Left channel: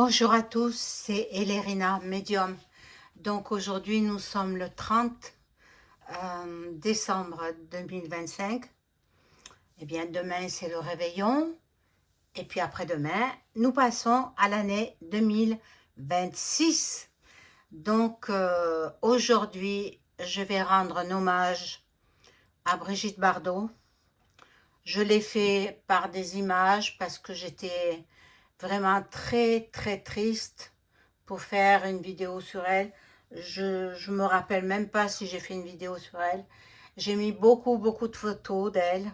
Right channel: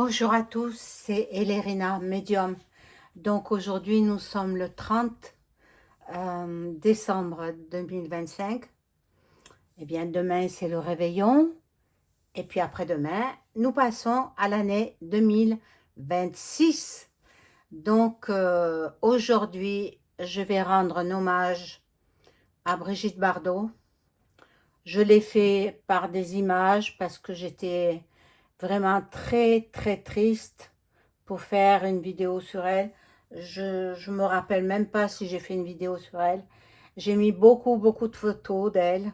Bonjour à tous, c'est Elérina, médium. Donc aujourd'hui, nous sommes le 30 décembre 2025. Eh bien, demain, c'est le réveillon. Et puis après-demain, nous passons à l'année 2026. Donc aujourd'hui, je vais rendre un hommage à Brigitte Bardot. Je l'ai fait par des images parce que j'étais vraiment très très triste pour faire une vidéo sur elle. Je me rappelle même pas si j'ai fait une vidéo sur elle. J'ai mis beaucoup de photos d'elle,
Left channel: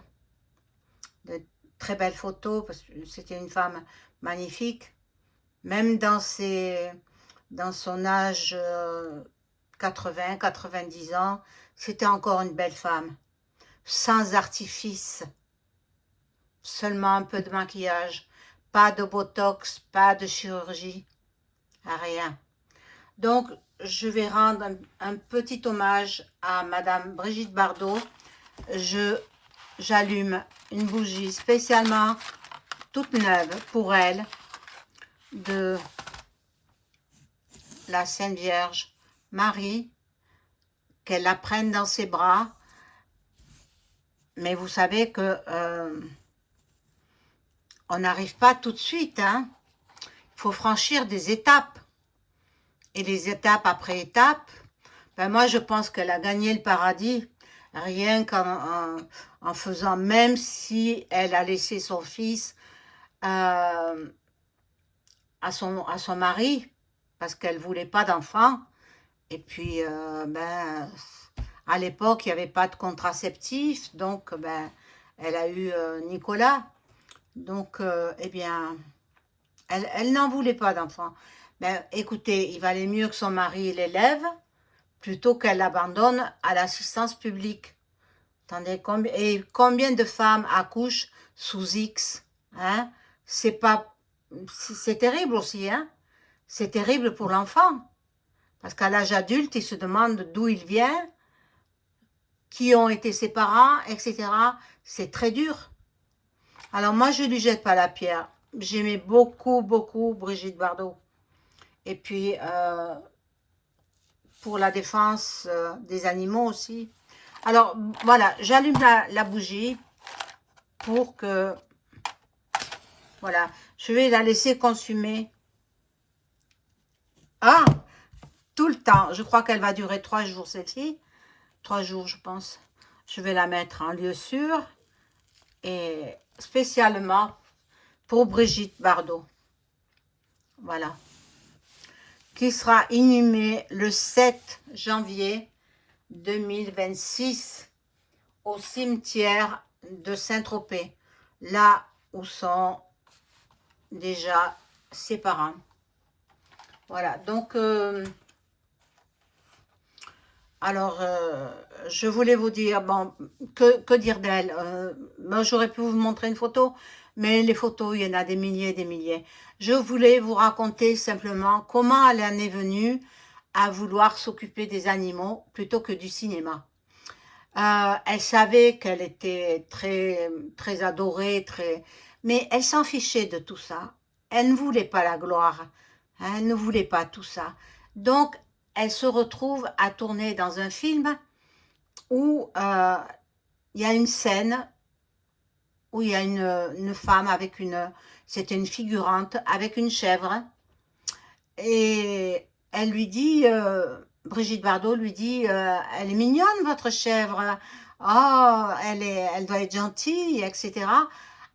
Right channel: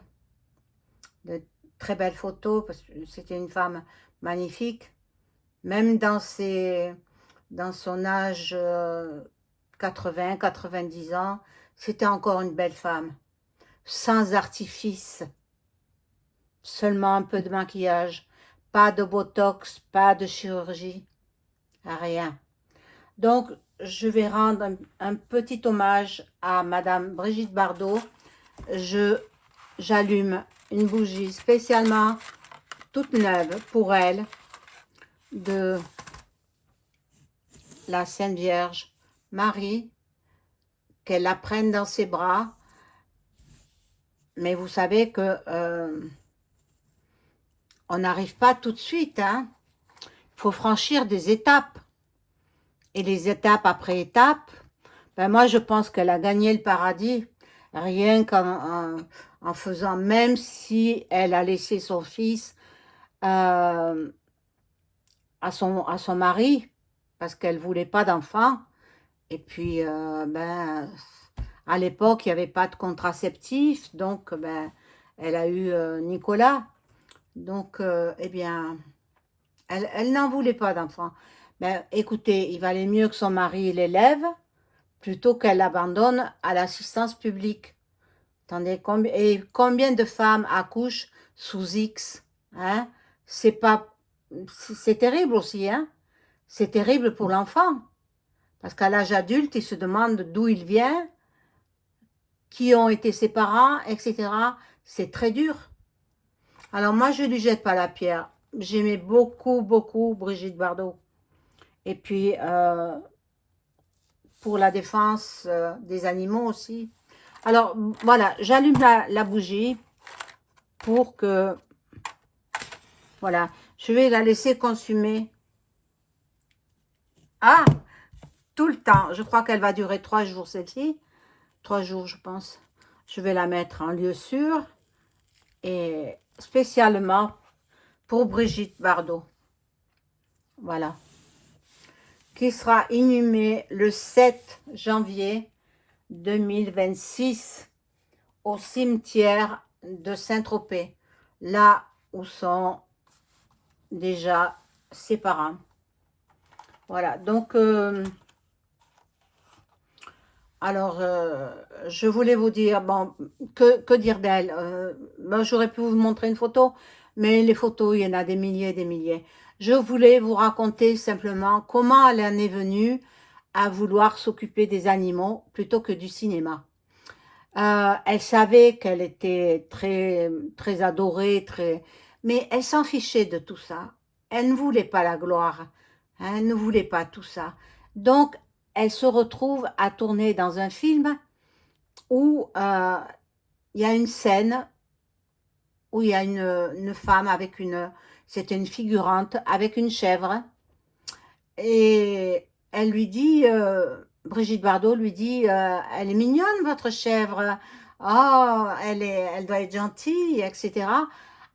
de très belles photos parce que c'était une femme magnifique. Même dans son âge 90 ans, c'était encore une belle femme, sans artifice. Seulement un peu de maquillage, pas de botox, pas de chirurgie, rien. Donc, je vais rendre un petit hommage à Madame Brigitte Bardot. J'allume une bougie spécialement toute neuve pour elle, de la Sainte Vierge Marie, qu'elle la prenne dans ses bras. Mais vous savez que on n'arrive pas tout de suite, hein. Il faut franchir des étapes. Et les étapes après étapes, ben moi je pense qu'elle a gagné le paradis rien en faisant, même si elle a laissé son fils à son mari, parce qu'elle voulait pas d'enfant. Et puis, ben, à l'époque, il n'y avait pas de contraceptif, donc ben, elle a eu Nicolas. Donc, eh bien, elle n'en voulait pas d'enfant. Ben, écoutez, il valait mieux que son mari l'élève plutôt qu'elle l'abandonne à l'assistance publique. Attendez, combien de femmes accouchent sous X, hein? C'est terrible aussi, hein? C'est terrible pour l'enfant. Parce qu'à l'âge adulte, il se demande d'où il vient, qui ont été ses parents, etc. C'est très dur. Alors moi, je ne lui jette pas la pierre. J'aimais beaucoup Brigitte Bardot. Et puis, pour la défense des animaux aussi. Alors, voilà, j'allume la bougie pour que, voilà, je vais la laisser consumer. Ah, tout le temps. Je crois qu'elle va durer 3 jours, celle-ci. 3 jours, je pense. Je vais la mettre en lieu sûr et spécialement pour Brigitte Bardot. Voilà. Qui sera inhumée le 7 janvier 2026 au cimetière de Saint-Tropez, là où sont déjà ses parents. Voilà, donc, alors, je voulais vous dire, bon, que dire d'elle? Ben, j'aurais pu vous montrer une photo, mais les photos, il y en a des milliers et des milliers. Je voulais vous raconter simplement comment elle en est venue à vouloir s'occuper des animaux plutôt que du cinéma. Elle savait qu'elle était très adorée, mais elle s'en fichait de tout ça. Elle ne voulait pas la gloire, hein, elle ne voulait pas tout ça. Donc, elle se retrouve à tourner dans un film où il y a une scène où il y a une femme avec c'était une figurante avec une chèvre, et elle lui dit, Brigitte Bardot lui dit, elle est mignonne votre chèvre, oh elle doit être gentille, etc.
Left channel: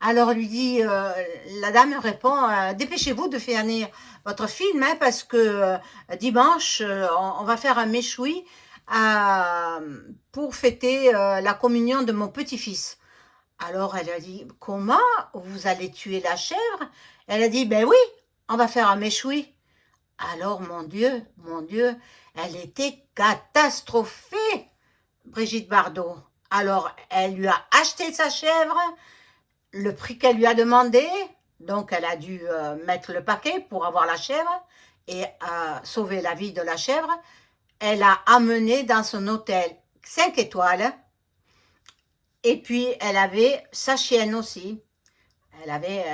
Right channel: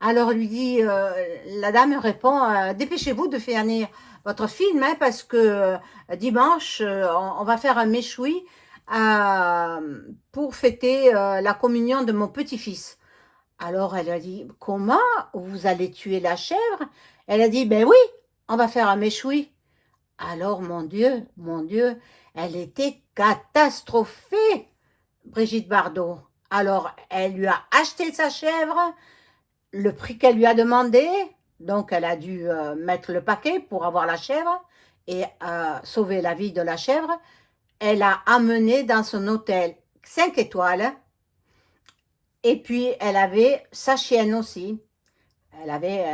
Alors lui dit, la dame répond, dépêchez-vous de finir votre film, hein, parce que dimanche on va faire un méchoui pour fêter la communion de mon petit-fils. Alors elle a dit, comment vous allez tuer la chèvre? Elle a dit, ben oui, on va faire un méchoui. Alors, mon Dieu, elle était catastrophée, Brigitte Bardot. Alors, elle lui a acheté sa chèvre, le prix qu'elle lui a demandé, donc elle a dû mettre le paquet pour avoir la chèvre et sauver la vie de la chèvre. Elle a amené dans son hôtel 5 étoiles, hein, et puis elle avait sa chienne aussi. Elle avait,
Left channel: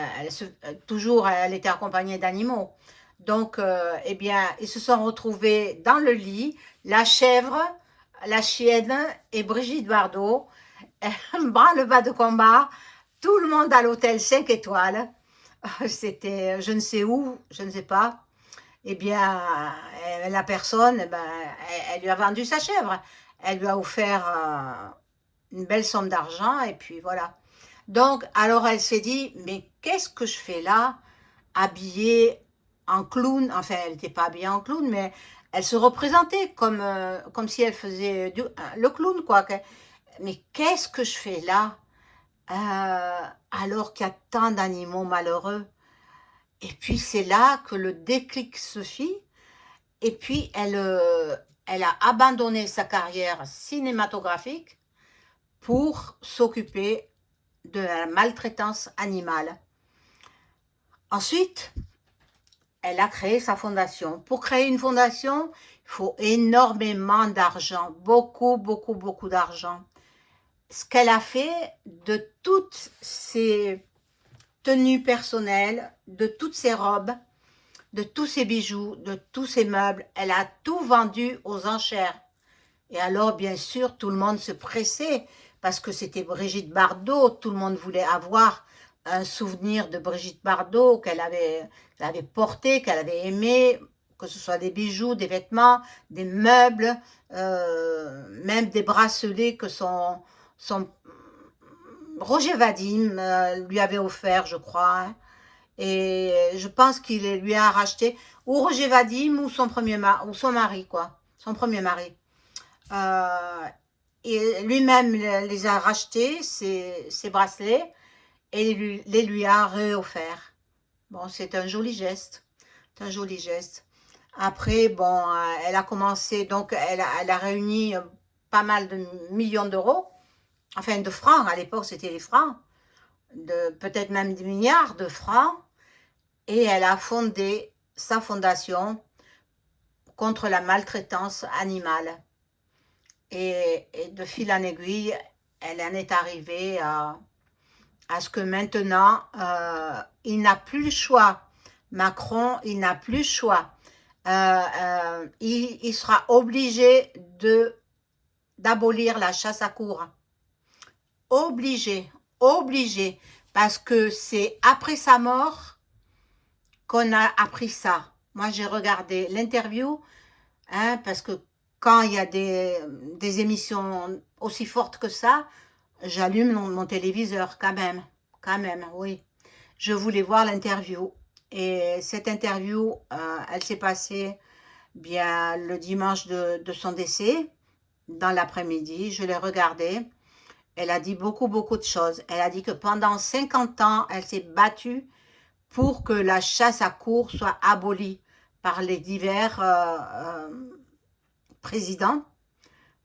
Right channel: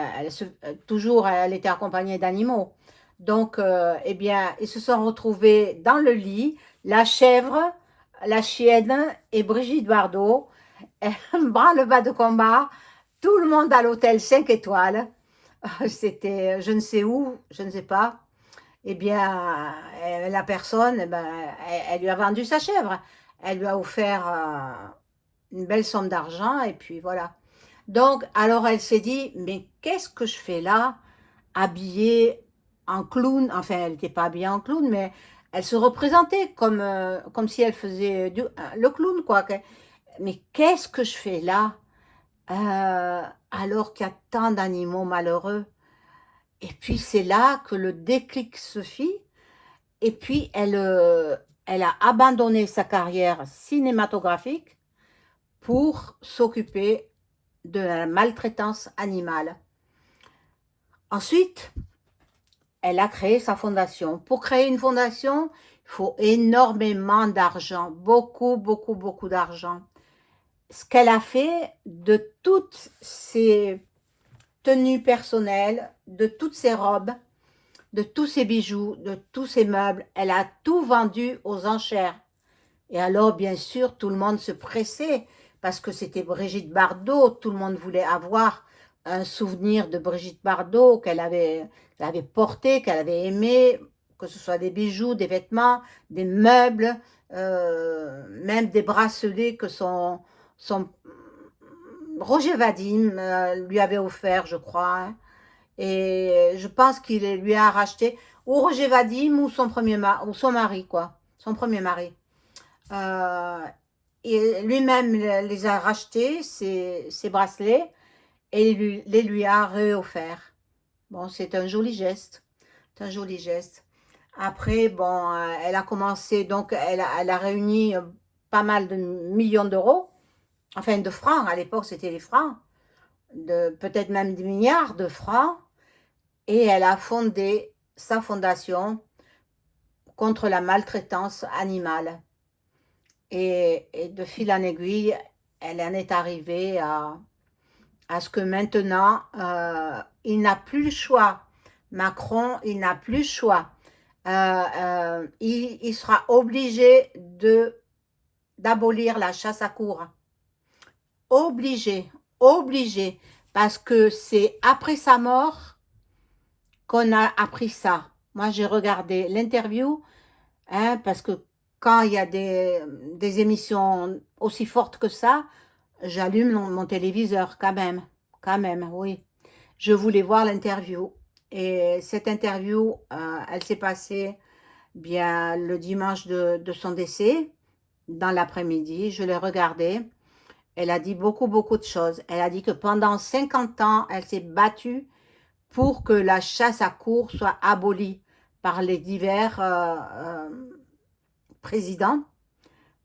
toujours, elle était accompagnée d'animaux. Donc, eh bien, ils se sont retrouvés dans le lit, la chèvre, la chienne et Brigitte Bardot, bras-le-bas de combat, tout le monde à l'hôtel 5 étoiles. C'était je ne sais où, je ne sais pas. Eh bien, la personne, eh ben, elle lui a vendu sa chèvre. Elle lui a offert une belle somme d'argent et puis voilà. Donc, alors elle s'est dit, mais qu'est-ce que je fais là, habillée en clown? Enfin, elle n'était pas habillée en clown, mais elle se représentait comme si elle faisait le clown, quoi. Mais qu'est-ce que je fais là, alors qu'il y a tant d'animaux malheureux? Et puis c'est là que le déclic se fit. Et puis elle a abandonné sa carrière cinématographique pour s'occuper de la maltraitance animale. Ensuite, elle a créé sa fondation. Pour créer une fondation, il faut énormément d'argent, beaucoup, beaucoup, beaucoup d'argent. Ce qu'elle a fait de toutes ses tenues personnelles, de toutes ses robes, de tous ses bijoux, de tous ses meubles, elle a tout vendu aux enchères. Et alors, bien sûr, tout le monde se pressait parce que c'était Brigitte Bardot. Tout le monde voulait avoir un souvenir de Brigitte Bardot qu'elle avait porté, qu'elle avait aimé, que ce soit des bijoux, des vêtements, des meubles, même des bracelets que son Roger Vadim lui avait offert, je crois. Hein. Et je pense qu'il lui a racheté, ou Roger Vadim, ou ou son mari, quoi. Son premier mari. Euh, et lui-même les a rachetés, ces bracelets, et les lui a réofferts. Bon, c'est un joli geste. C'est un joli geste. Après, bon, elle a commencé, donc elle a réuni pas mal de millions d'euros, enfin de francs, à l'époque c'était les francs, peut-être même des milliards de francs, et elle a fondé sa fondation contre la maltraitance animale. Et de fil en aiguille, elle en est arrivée à ce que maintenant, il n'a plus le choix. Macron, il n'a plus le choix. Il sera obligé d'abolir la chasse à courre. Obligé, obligé. Parce que c'est après sa mort qu'on a appris ça. Moi, j'ai regardé l'interview, hein, parce que quand il y a des émissions aussi fortes que ça, j'allume mon téléviseur quand même, oui. Je voulais voir l'interview. Et cette interview, elle s'est passée bien le dimanche de son décès, dans l'après-midi. Je l'ai regardée. Elle a dit beaucoup, beaucoup de choses. Elle a dit que pendant 50 ans, elle s'est battue pour que la chasse à courre soit abolie par les divers présidents.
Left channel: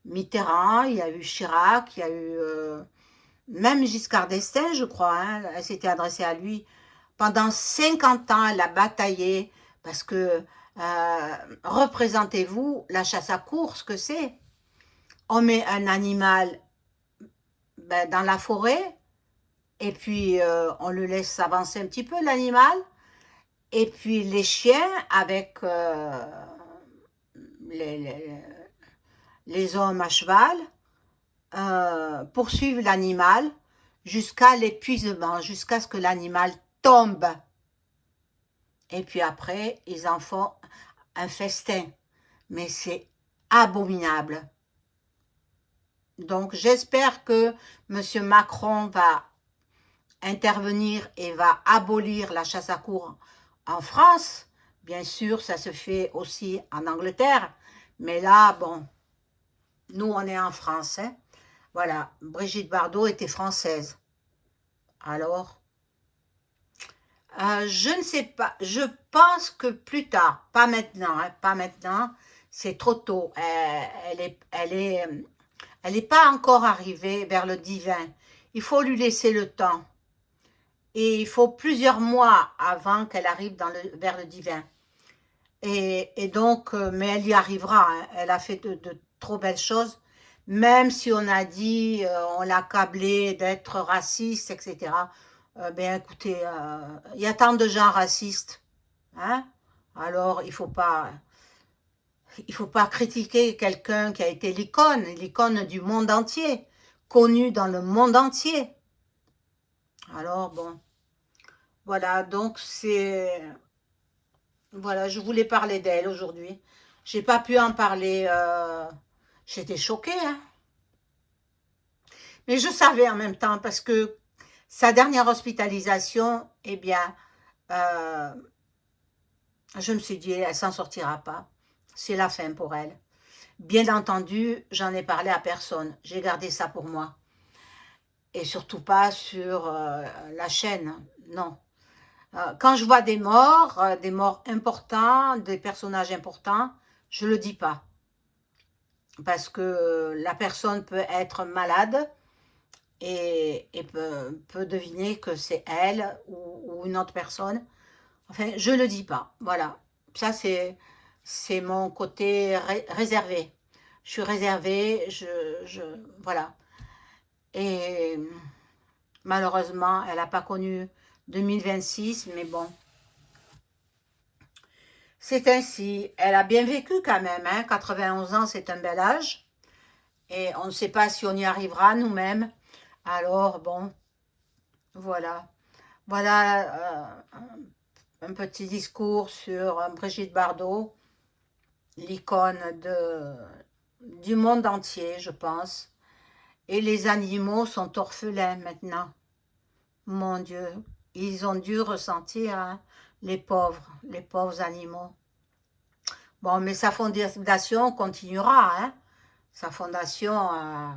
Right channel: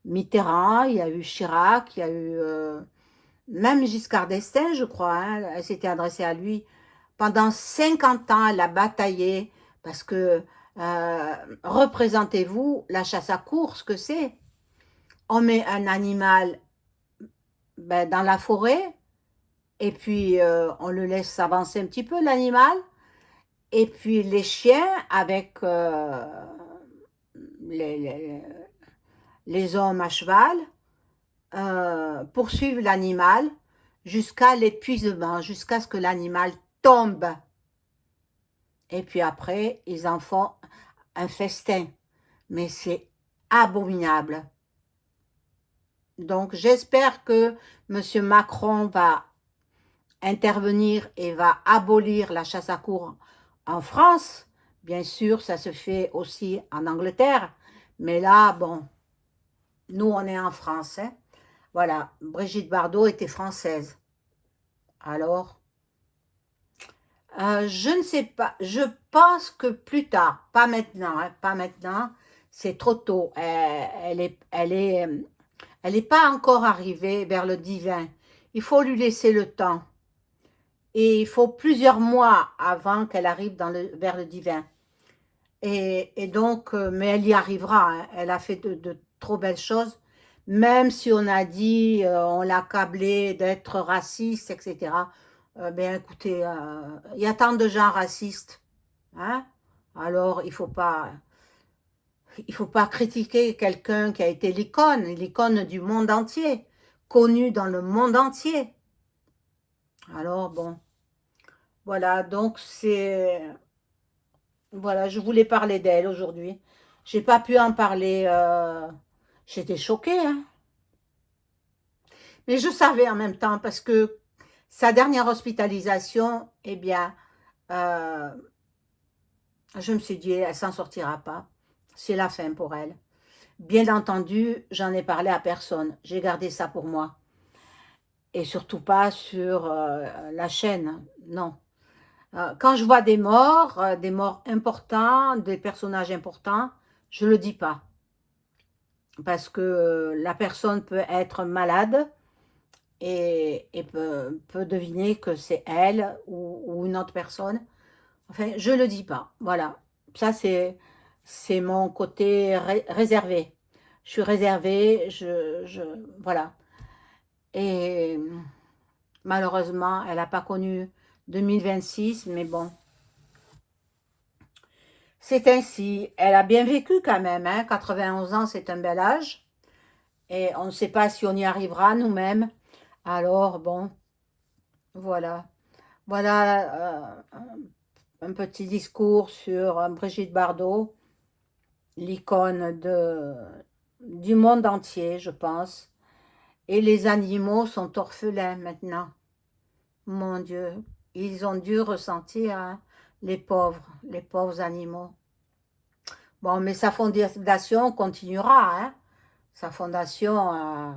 Mitterrand, il y a eu Chirac, il y a eu même Giscard d'Estaing, je crois, hein, elle s'était adressée à lui. Pendant 50 ans, elle a bataillé parce que, représentez-vous la chasse à courre, ce que c'est. On met un animal dans la forêt et puis on le laisse avancer un petit peu, l'animal. Et puis les chiens avec les, les, les hommes à cheval poursuivent l'animal jusqu'à l'épuisement, jusqu'à ce que l'animal tombe. Et puis après, ils en font un festin. Mais c'est abominable. Donc j'espère que M. Macron va intervenir et va abolir la chasse à courre en France. Bien sûr, ça se fait aussi en Angleterre. Mais là, bon, nous, on est en France. Hein. Voilà, Brigitte Bardot était française. Alors, je ne sais pas. Je pense que plus tard, pas maintenant, hein, pas maintenant. C'est trop tôt. Elle est pas encore arrivée vers le divin. Il faut lui laisser le temps. Et il faut plusieurs mois avant qu'elle arrive vers le divin. Et donc, mais elle y arrivera. Hein. Elle a fait de trop belles choses. Même si on a dit, on l'a câblée d'être raciste, etc. Ben écoutez, il y a tant de gens racistes. Hein? Alors, il faut pas critiquer quelqu'un qui a été l'icône du monde entier, connu dans le monde entier. Alors, bon, voilà, donc voilà, je voulais parler d'elle aujourd'hui. J'ai pas pu en parler, j'étais choquée, hein. Mais je savais en même temps, parce que sa dernière hospitalisation, eh bien, euh, je me suis dit, elle s'en sortira pas. C'est la fin pour elle. Bien entendu, j'en ai parlé à personne. J'ai gardé ça pour moi. Et surtout pas sur la chaîne, non. Quand je vois des morts importants, des personnages importants, je le dis pas. Parce que la personne peut être malade et peut deviner que c'est elle ou une autre personne. Enfin, je le dis pas. Voilà. Ça, c'est mon côté réservé. Je suis réservée, voilà. Et malheureusement, elle n'a pas connu 2026, mais bon, c'est ainsi. Elle a bien vécu quand même, hein. 91 ans, c'est un bel âge. Et on ne sait pas si on y arrivera nous-mêmes. Alors, bon, voilà. Voilà un petit discours sur Brigitte Bardot, l'icône du monde entier, je pense. Et les animaux sont orphelins maintenant. Mon Dieu, ils ont dû ressentir, hein, les pauvres animaux. Bon, mais sa fondation continuera, hein. Sa fondation,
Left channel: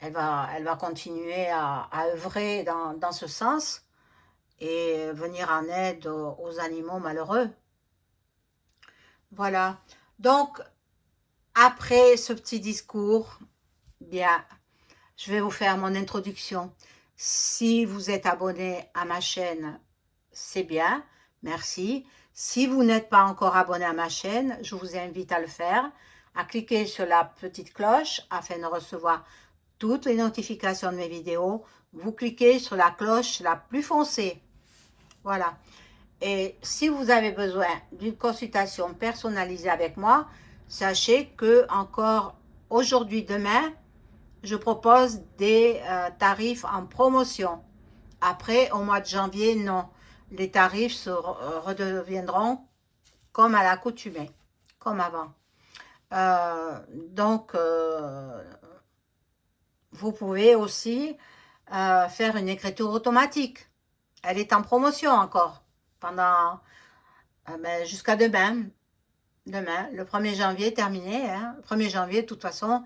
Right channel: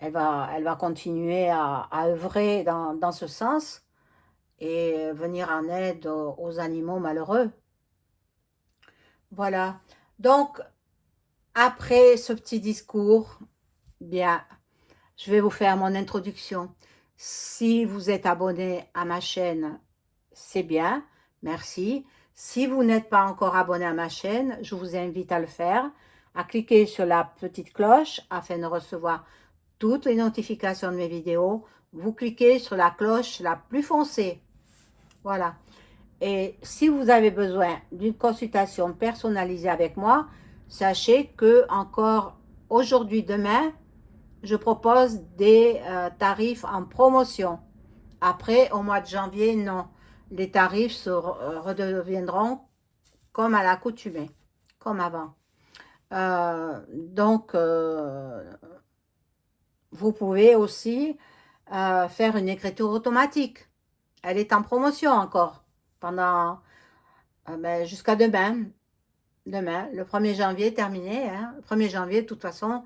elle va continuer à œuvrer dans ce sens et venir en aide aux animaux malheureux. Voilà. Donc, après ce petit discours, bien, je vais vous faire mon introduction. Si vous êtes abonné à ma chaîne, c'est bien, merci. Si vous n'êtes pas encore abonné à ma chaîne, je vous invite à le faire, à cliquer sur la petite cloche afin de recevoir toutes les notifications de mes vidéos. Vous cliquez sur la cloche la plus foncée. Voilà. Et si vous avez besoin d'une consultation personnalisée avec moi, sachez que encore aujourd'hui, demain, je propose des tarifs en promotion. Après, au mois de janvier, non. Les tarifs redeviendront comme à l'accoutumée, comme avant. Donc, vous pouvez aussi faire une écriture automatique. Elle est en promotion encore pendant jusqu'à demain. Demain, le 1er janvier terminé. Hein. Le 1er janvier, de toute façon,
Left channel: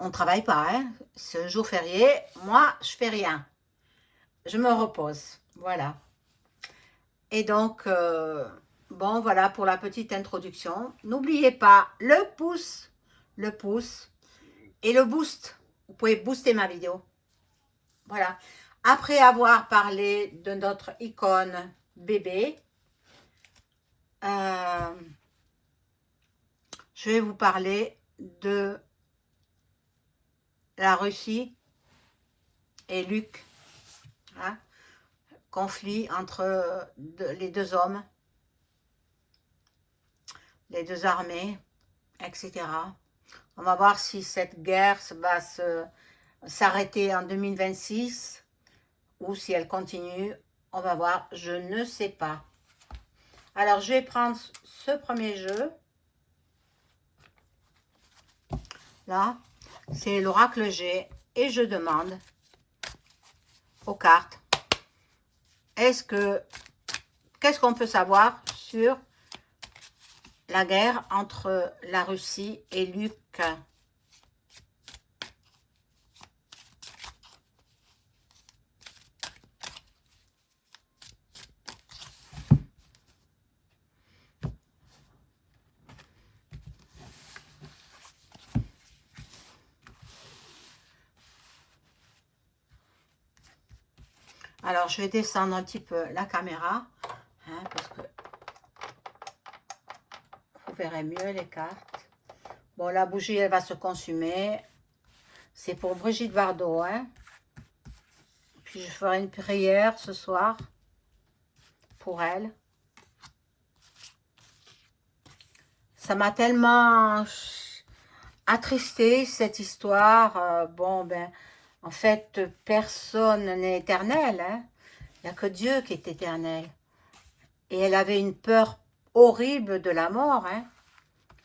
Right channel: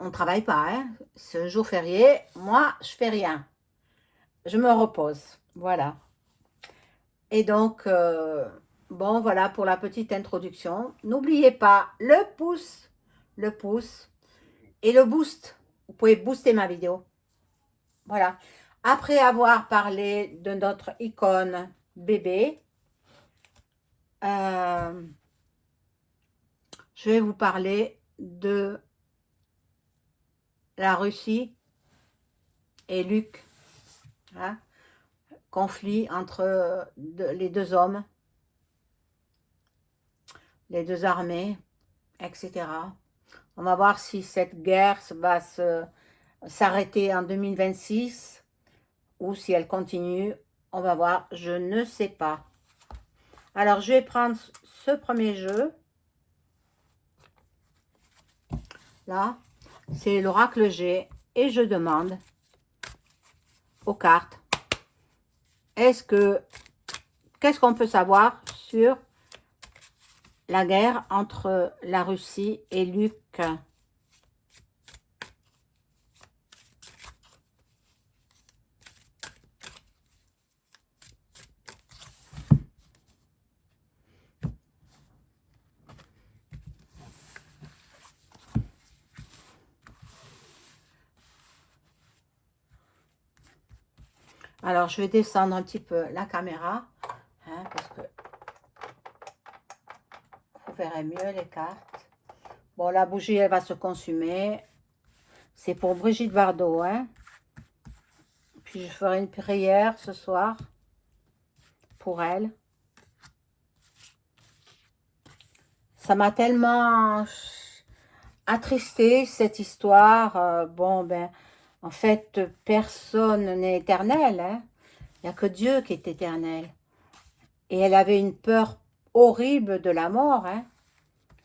on ne travaille pas. Hein. C'est un jour férié. Moi, je fais rien. Je me repose. Voilà. Et donc, bon, voilà pour la petite introduction. N'oubliez pas le pouce et le boost. Vous pouvez booster ma vidéo. Voilà. Après avoir parlé de notre icône bébé, je vais vous parler de la Russie et Luc. Hein, conflit entre les deux hommes, les deux armées, etc. On va voir si cette guerre va s'arrêter en 2026 ou si elle continue. On va voir, je ne sais pas. Alors, je vais prendre ce premier jeu. Là, c'est l'oracle G et je demande aux cartes, qu'est-ce qu'on peut savoir sur la guerre entre la Russie et Luc? Alors, je vais descendre un petit peu la caméra, hein, parce que vous verrez mieux les cartes. Bon, la bougie, elle va se consumer. C'est pour Brigitte Bardot, hein. Puis, je ferai une prière ce soir pour elle. ça m'a tellement attristée, cette histoire. Bon, ben, en fait, personne n'est éternel, hein. Il n'y a que Dieu qui est éternel. Et elle avait une peur horrible de la mort, hein.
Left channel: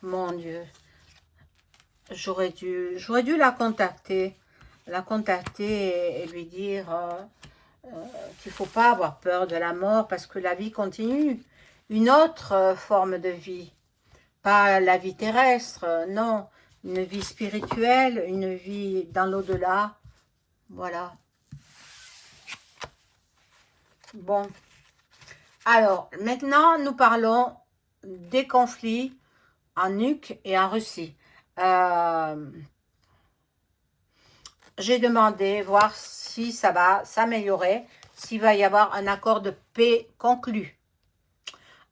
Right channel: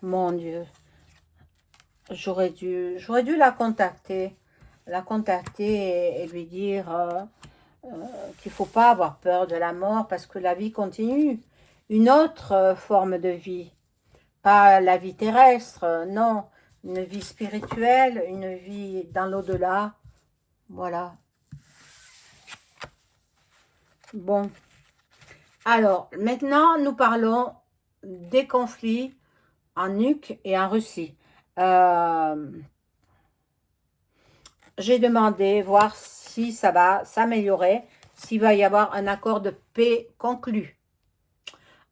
Mon Dieu. J'aurais dû la contacter et lui dire qu'il ne faut pas avoir peur de la mort parce que la vie continue. Une autre forme de vie, pas la vie terrestre, non, une vie spirituelle, une vie dans l'au-delà, voilà. Bon, alors maintenant nous parlons des conflits en Ukraine et en Russie. J'ai demandé voir si ça va s'améliorer, s'il va y avoir un accord de paix conclu.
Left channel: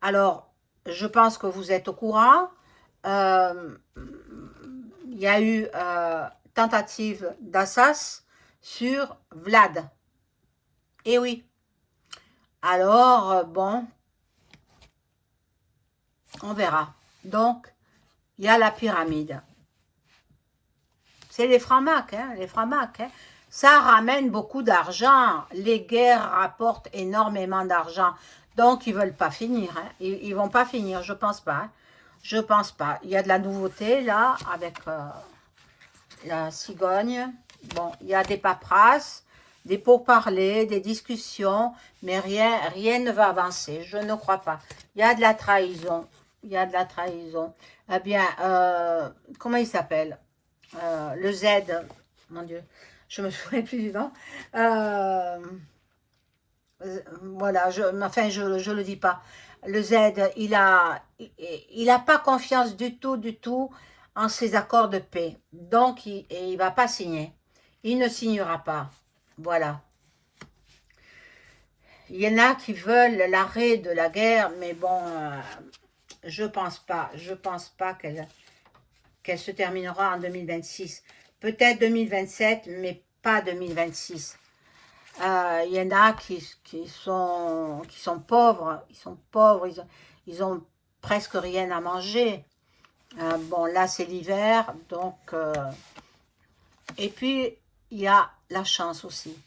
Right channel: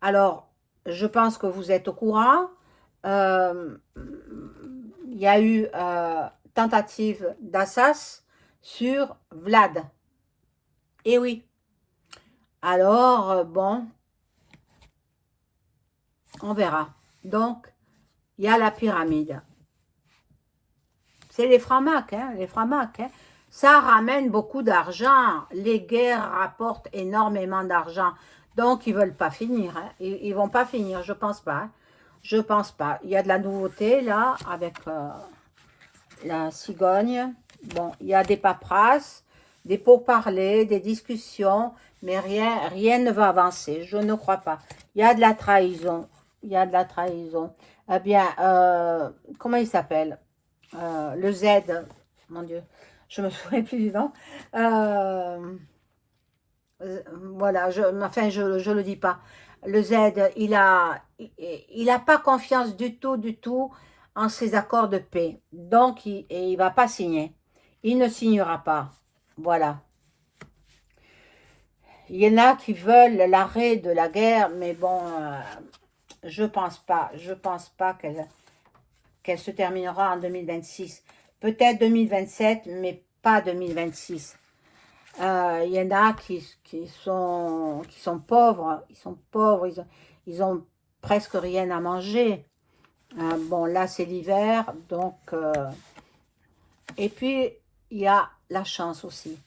Alors, je pense que vous êtes au courant. Il y a eu tentative d'assassinat sur Vlad. Eh oui. Alors, bon, on verra. Donc, il y a la pyramide. C'est les francs-macs, hein, les francs-macs. Hein. Ça ramène beaucoup d'argent. Les guerres rapportent énormément d'argent. Donc, ils ne veulent pas finir. Hein. Ils ne vont pas finir, je ne pense pas. Hein. Je ne pense pas. Il y a de la nouveauté, là, avec la cigogne. Bon, il y a des paperasses, des pourparlers, des discussions, mais rien ne va avancer. Je ne crois pas. Il y a de la trahison. Il y a de la trahison. Eh bien, comment il s'appelle le Z, mon Dieu, je me souviens plus du nom. Voilà, enfin, je le dis pas. Le Z, il a pas confiance du tout en ces accords de paix. Donc, il va pas signer. Il ne signera pas. Voilà. Il y en a qui veulent l'arrêt de la guerre, mais bon, je pense pas. Je pense pas qu'elle se terminera en 2026. Peut-être 2027, mais pas 2026. Il y en a qui sont pauvres. Ils sont pauvres, ils ont presque rien à manger. Bon, là, c'est l'hiver, donc... et puis, il y a la chance aussi.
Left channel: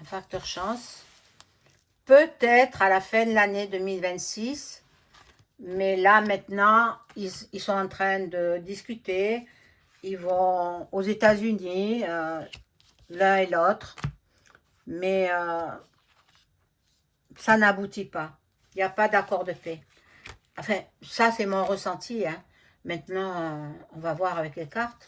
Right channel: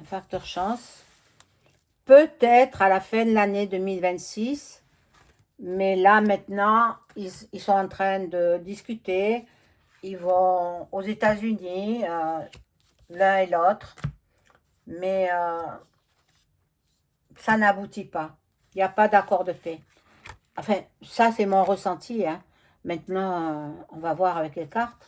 Un facteur chance. Peut-être à la fin de l'année 2026, mais là, maintenant, ils sont en train de discuter. Ils vont aux États-Unis, l'un et l'autre. Mais ça n'aboutit pas. Il n'y a pas d'accord de paix. Enfin, ça, c'est mon ressenti. Hein. Maintenant, on va voir avec les cartes.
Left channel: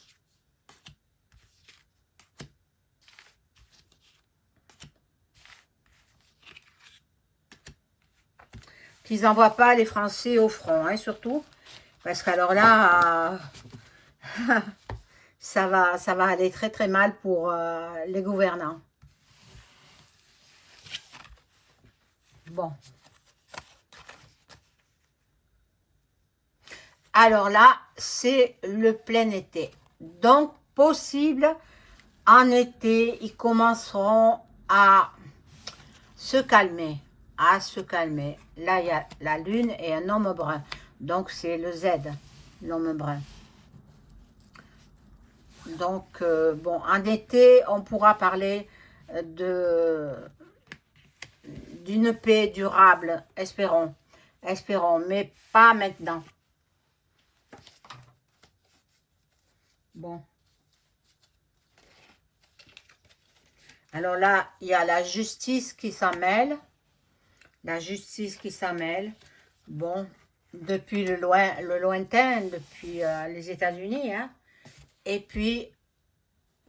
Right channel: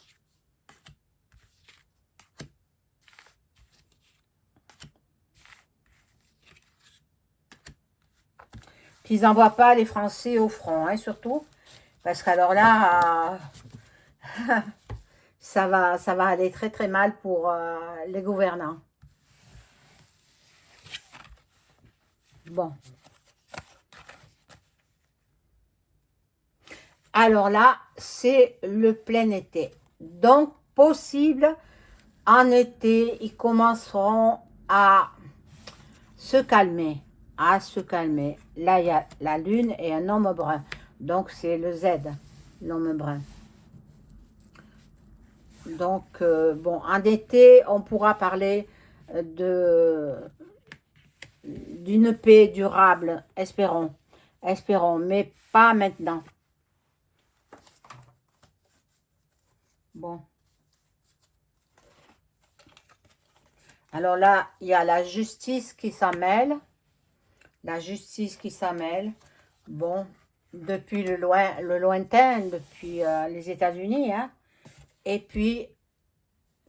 Qu'ils n'envoient pas les Français au front, hein, surtout. Parce qu'alors là, ça va aller très très mal pour les gouvernants. Bon. Alors là, c'est le plein été. Donc, possible, en été, ils commenceront à se calmer. À se calmer. Là, il y a la lune et un homme brun. Donc, c'est le Z, l'homme brun. Donc, bon, en été, on pourra parler d'une paix durable, espérons. Espérons, mais pas maintenant. Bon. Alors là, il y a la justice qui s'en mêle. La justice qui s'en mêle. Bon, depuis le lointain, depuis les États-Unis. Hein. Et puis,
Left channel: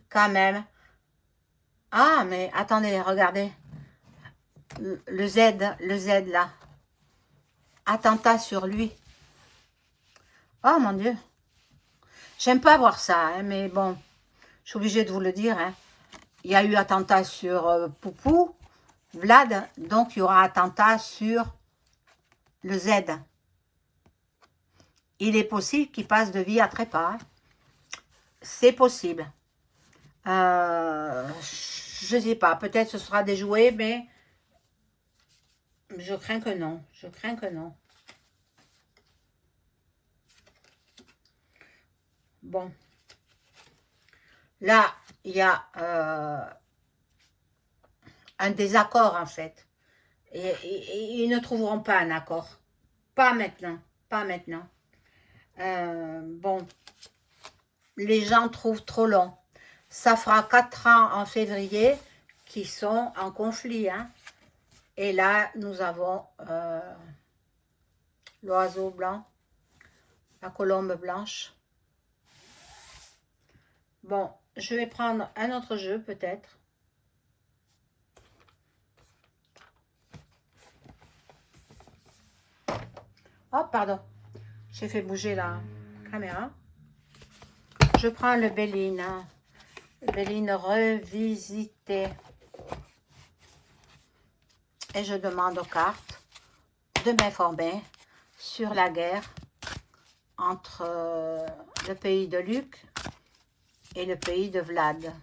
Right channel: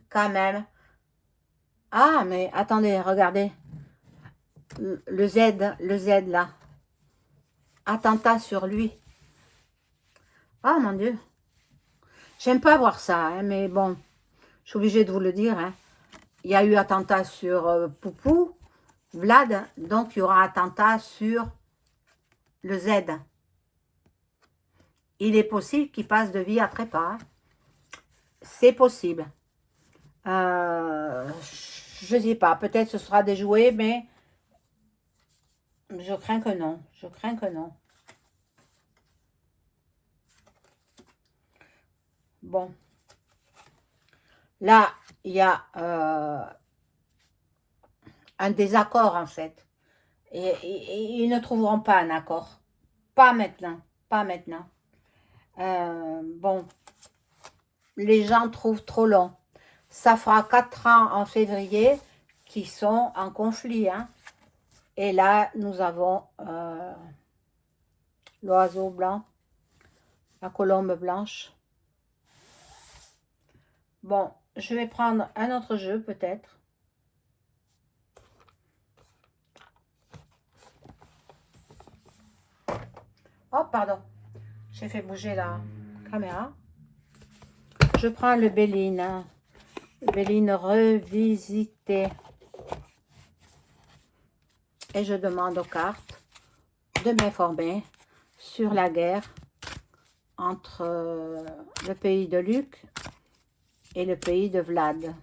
quand même... Ah, mais attendez, regardez. Le Z là. Attentat sur lui. Oh mon Dieu. J'aime pas voir ça, hein, mais bon, je suis obligée de vous le dire. Hein. Il y a eu attentat sur Poupou, Vlad, donc il y aura attentat sur le Z. Il est possible qu'il passe de vie à trépas. Hein. C'est possible. Je ne sais pas, peut-être ce sera déjoué, mais je crains que non. Je crains que non. bon, là, il y a un désaccord en fait. Et ils ne trouveront pas un accord. Pas maintenant. Pas maintenant. Bon, les gens trouvent trop long. Ça fera 4 ans en février qu'ils sont en conflit. Hein. Et là, nous avons l'oiseau blanc, la colombe blanche. Bon, je vais prendre un autre jeu peut-être. Oh, pardon. J'ai fait bouger la caméra. Je prends le Béline. Hein. Béline revisité. Et je demande aux cartes de m'informer sur la guerre entre le pays de Luc et le pays de Vlad.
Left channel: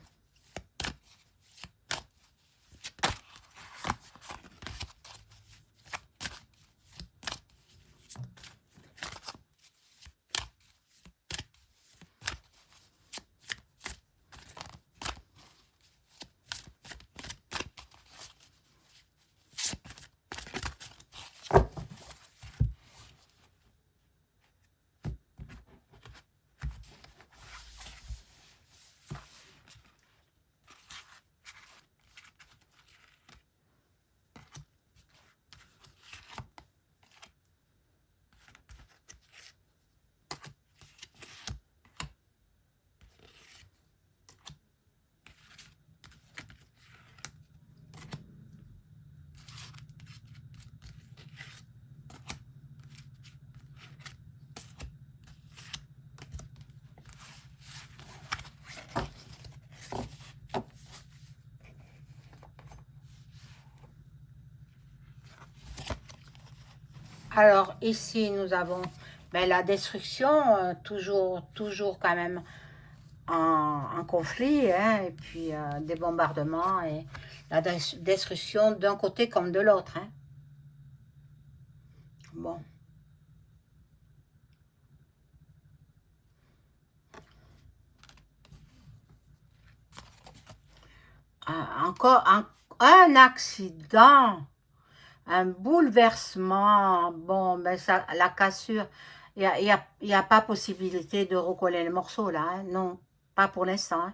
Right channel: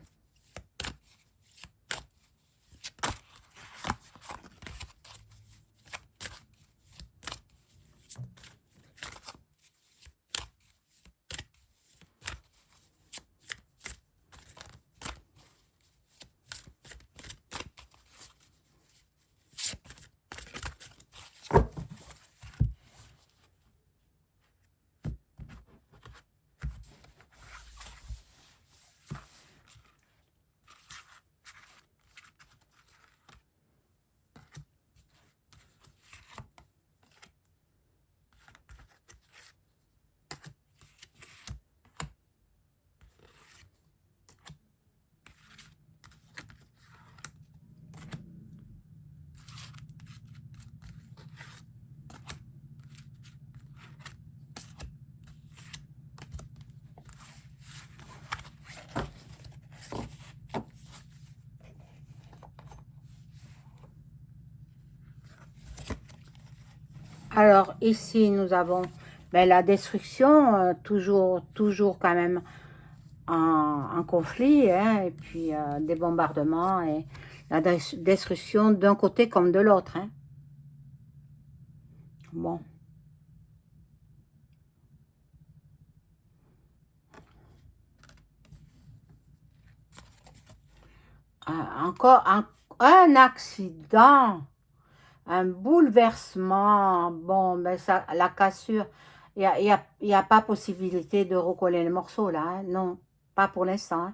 Alors ici nous avons la destruction, toujours quand même en conflit, hein, et puis des bombardements et la destruction d'un côté comme de l'autre. Hein. Bon. Encore un accident, un bouleversement. Bon, ben ça, la cassure, y a pas possibilité de recoller les morceaux là. Hein, non, pas pour l'instant.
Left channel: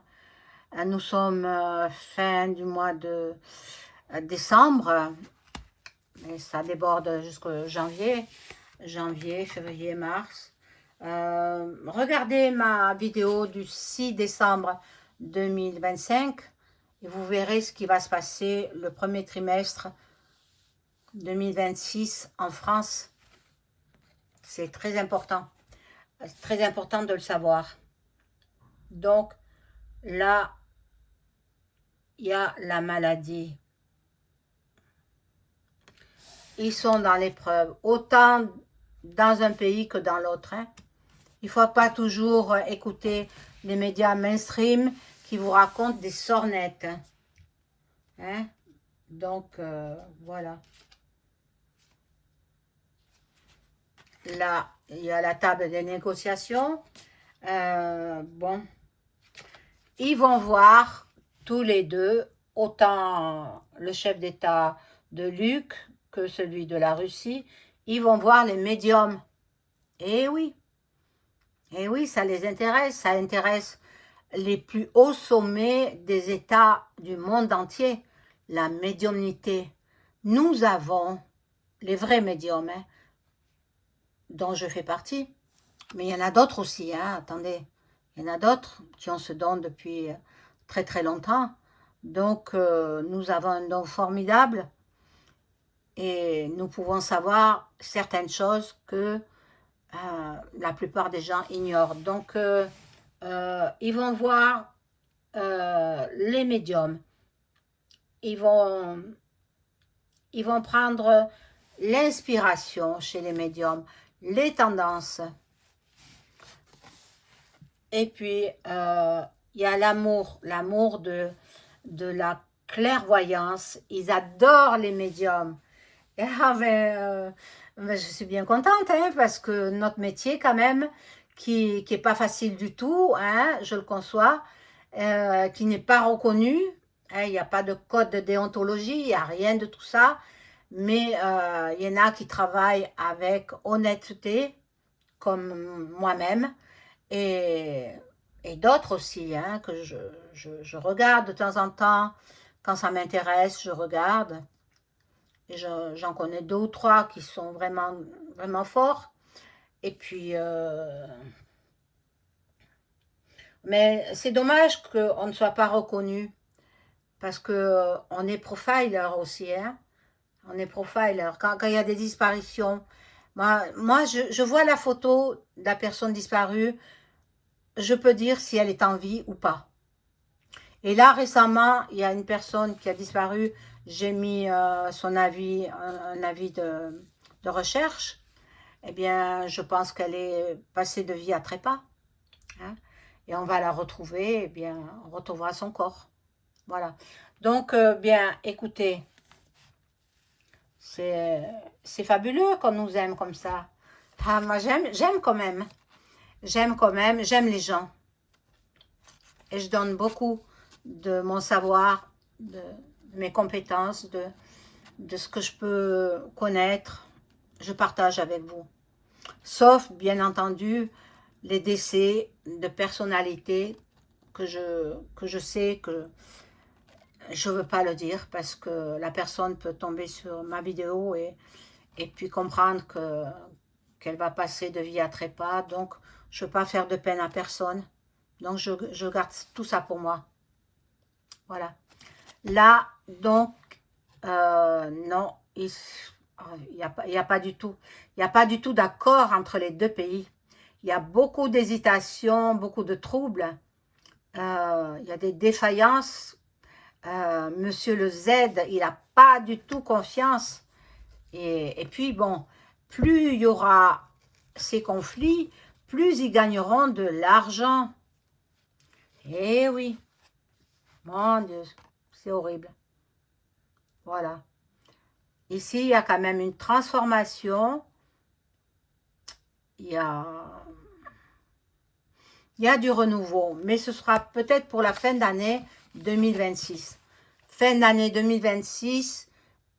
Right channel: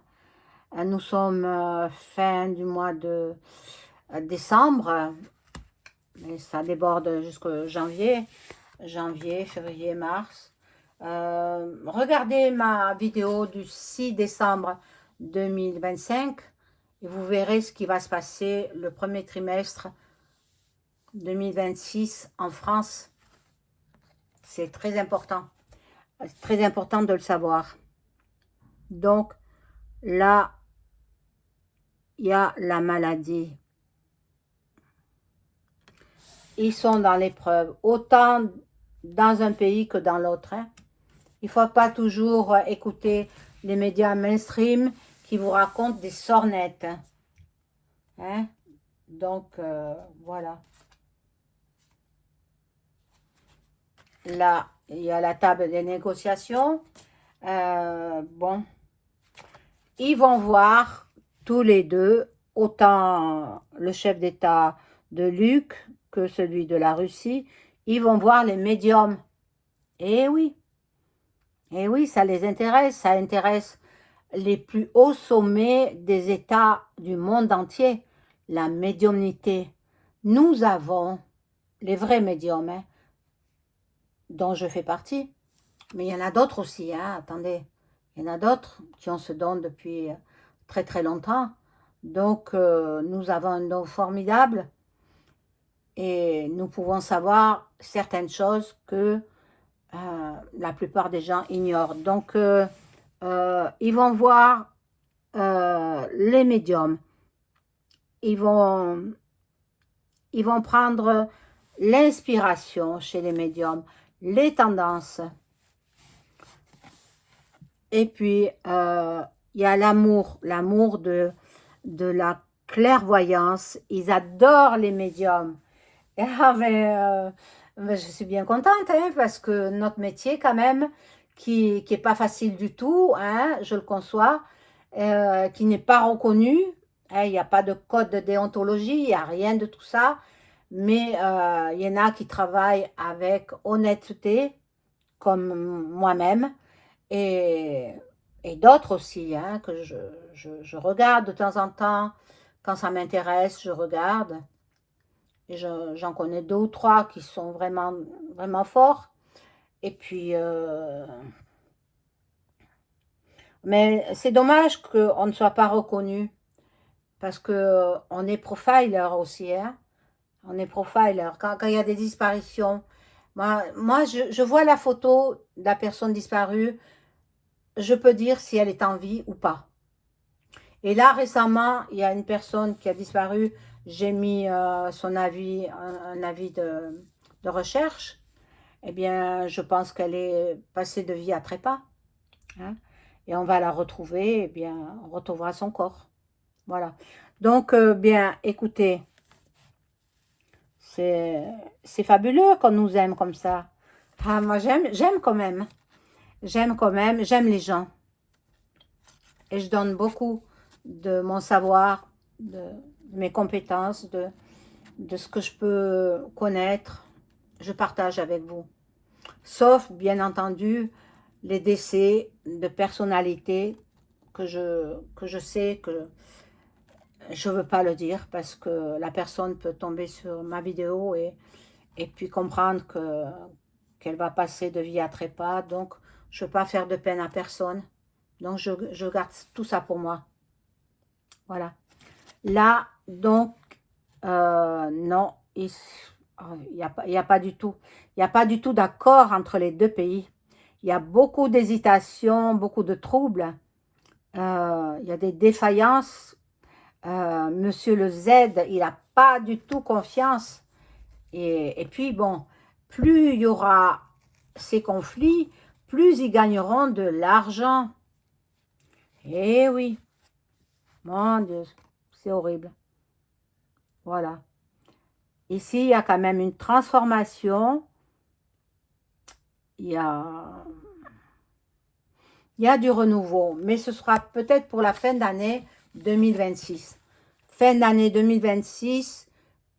Hein. Nous sommes fin du mois de décembre. Et ça déborde jusqu'au janvier, février, mars. Regardez ma vidéo du 6 décembre 2025 et vous verrez ce qui va se passer le premier trimestre 2026 en France. C'est très important. C'est très important de le savoir. Donc, là, il y a la maladie. Ils sont dans l'épreuve, autant dans un pays que dans l'autre. Hein. Il ne faut pas toujours écouter les médias mainstream qui vous racontent des sornettes. Hein. Donc, voilà. Là, il y a la table des négociations. Bon, ils vont voir tous les deux, autant le chef d'État de Luc que celui de la Russie, ils vont voir les médiums. Eh oui, ça les intéresse, ça intéresse les plus hauts sommets des États du monde entier, la médiumnité. Nous avons les vrais médiums, hein, dont je fais partie, mais il y en a d'autres aussi, hein, attendez, il y en a d'autres qui ont ce don depuis très très longtemps, donc nous avons un don formidable, et nous pouvons savoir certaines choses que la plupart des gens ignorent. Donc, ils vont voir les médiums. Ils vont prendre l'inspiration chez les médiums, les tendances. Et puis, il y a l'amour de la clairvoyance. Ils adorent les médiums. Ah, mais je suis bien contente, hein, parce que notre métier, quand même, qui est pas facile du tout, hein, je le conçois, qui n'est pas reconnu, hein, il n'y a pas de code de déontologie, il n'y a rien de tout ça, mais il y en a qui travaillent avec honnêteté, comme moi-même, et, et d'autres aussi, hein, que je regarde de temps en temps, quand ça m'intéresse, je regarde, et j'en connais 2 ou 3 qui sont vraiment, vraiment forts, et puis, mais c'est dommage qu'on ne soit pas reconnu, parce que on est profiler aussi, hein, on est profiler, quand il y a des disparitions, moi je vois la photo de la personne disparue, je peux dire si elle est en vie ou pas. Et là, récemment, il y a une personne qui a disparu. J'ai mis son avis, un avis de recherche. Eh bien, je pense qu'elle est passée de vie à trépas, hein. Et on va la retrouver, eh bien, on retrouvera son corps. Voilà. Donc, bien, écoutez, c'est fabuleux qu'on nous aime comme ça. Ah, moi, j'aime quand même. J'aime quand même, j'aime les gens. Et je donne beaucoup de mon savoir, de mes compétences, de ce que je peux connaître, je partage avec vous. Sauf, bien entendu, les décès de personnalités que je sais que je ne veux pas le dire parce que la personne peut tomber sur ma vidéo et puis comprendre qu'elle va passer de vie à trépas. Donc, je ne veux pas faire de peine à personne. Donc, je garde tout ça pour moi. Voilà. Là, donc, non, il n'y a pas du tout. Il n'y a pas du tout d'accord entre les deux pays. Il y a beaucoup d'hésitations, beaucoup de troubles. Il y a des défaillances. Monsieur le Z, il n'a pas du tout confiance. Et puis, bon, plus il y aura ces conflits, plus ils gagneront de l'argent. Eh oui, mon Dieu, c'est horrible. Voilà. Ici, il y a quand même une transformation. Il y a du renouveau, mais ce sera peut-être pour la fin d'année 2026. Fin d'année 2026,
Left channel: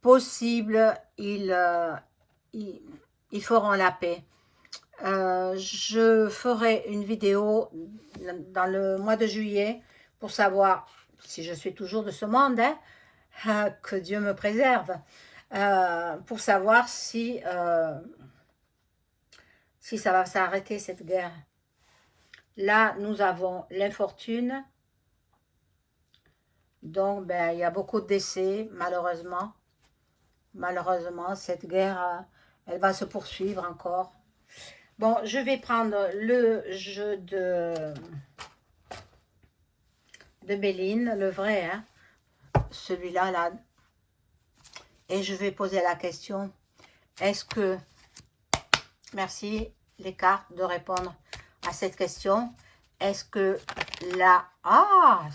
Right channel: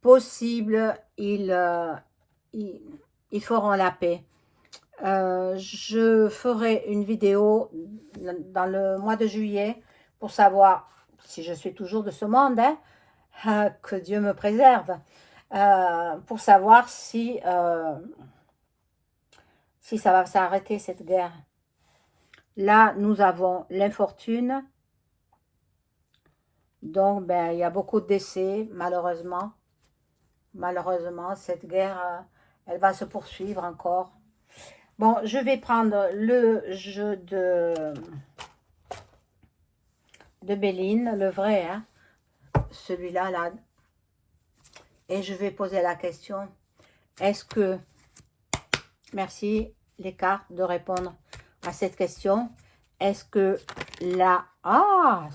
possible, ils feront la paix. Je ferai une vidéo dans le mois de juillet pour savoir si je suis toujours de ce monde, hein, que Dieu me préserve, pour savoir si ça va s'arrêter cette guerre. Là, nous avons l'infortune. Donc, ben, il y a beaucoup de décès, malheureusement. Malheureusement, cette guerre, elle va se poursuivre encore. Bon, je vais prendre le jeu de Béline, le vrai, hein, celui-là, là. Et je vais poser la question, est-ce que, merci les cartes de répondre à cette question, est-ce que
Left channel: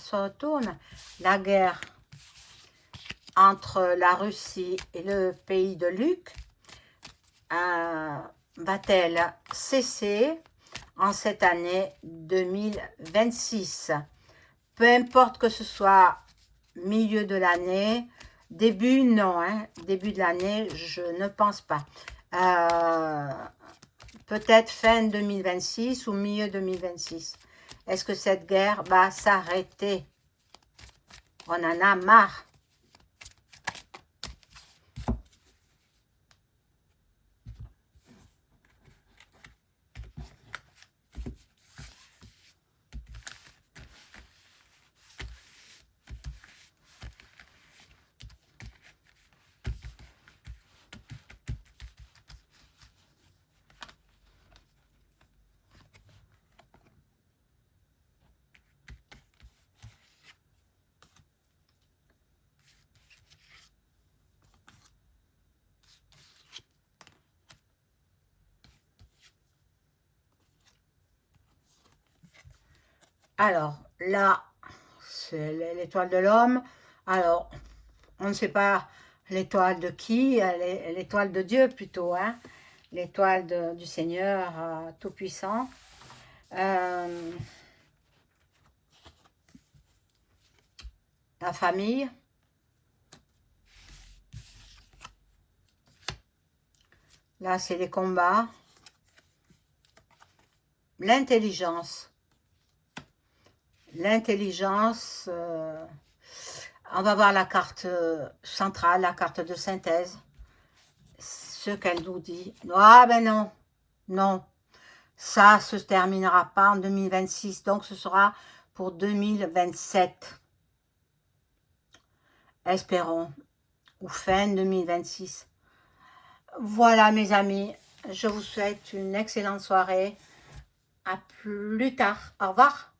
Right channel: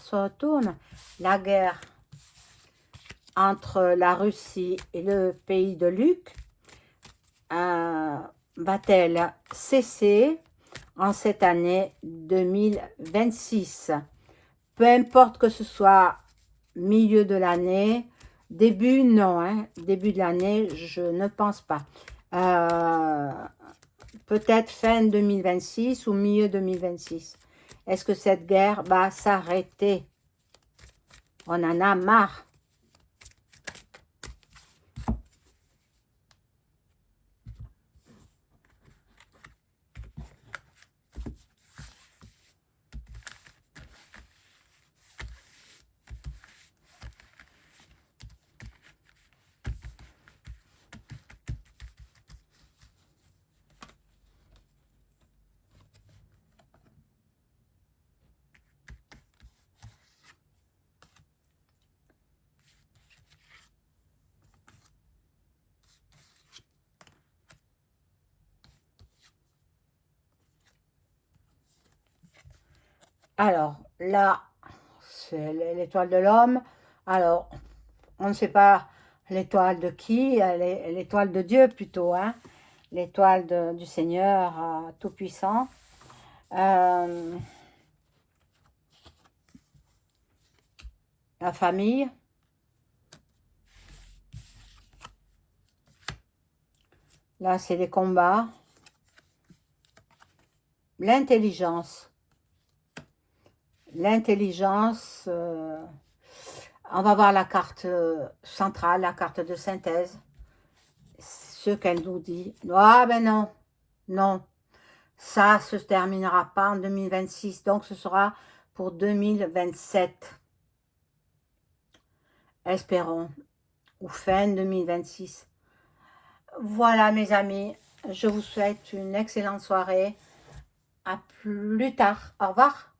ça tourne, la guerre entre la Russie et le pays de Luc va-t-elle cesser en cette année 2026? Peu importe que ce soit milieu de l'année, début, non, hein, début de l'année, je ne pense pas. Peut-être fin 2026 ou milieu 2026. Est-ce que cette guerre va s'arrêter? On en a marre. Alors, là, c'est l'étoile de l'homme. Alors, on ne sait pas l'étoile de qui, l'étoile de Dieu plutôt, hein, l'étoile du Seigneur Tout-Puissant. Euh, la famille. Là, c'est les combats. L'intelligence. L'intelligence, on va voir la carte centrale, la carte de synthèse. Ce qu'elle nous dit. Ah ben non, non. Ça se terminera pas en 2026, donc ce sera pour 2027. Espérons. Ou fin 2026. Voilà mes amis, je vous souhaite une excellente soirée. À plus tard. Au revoir.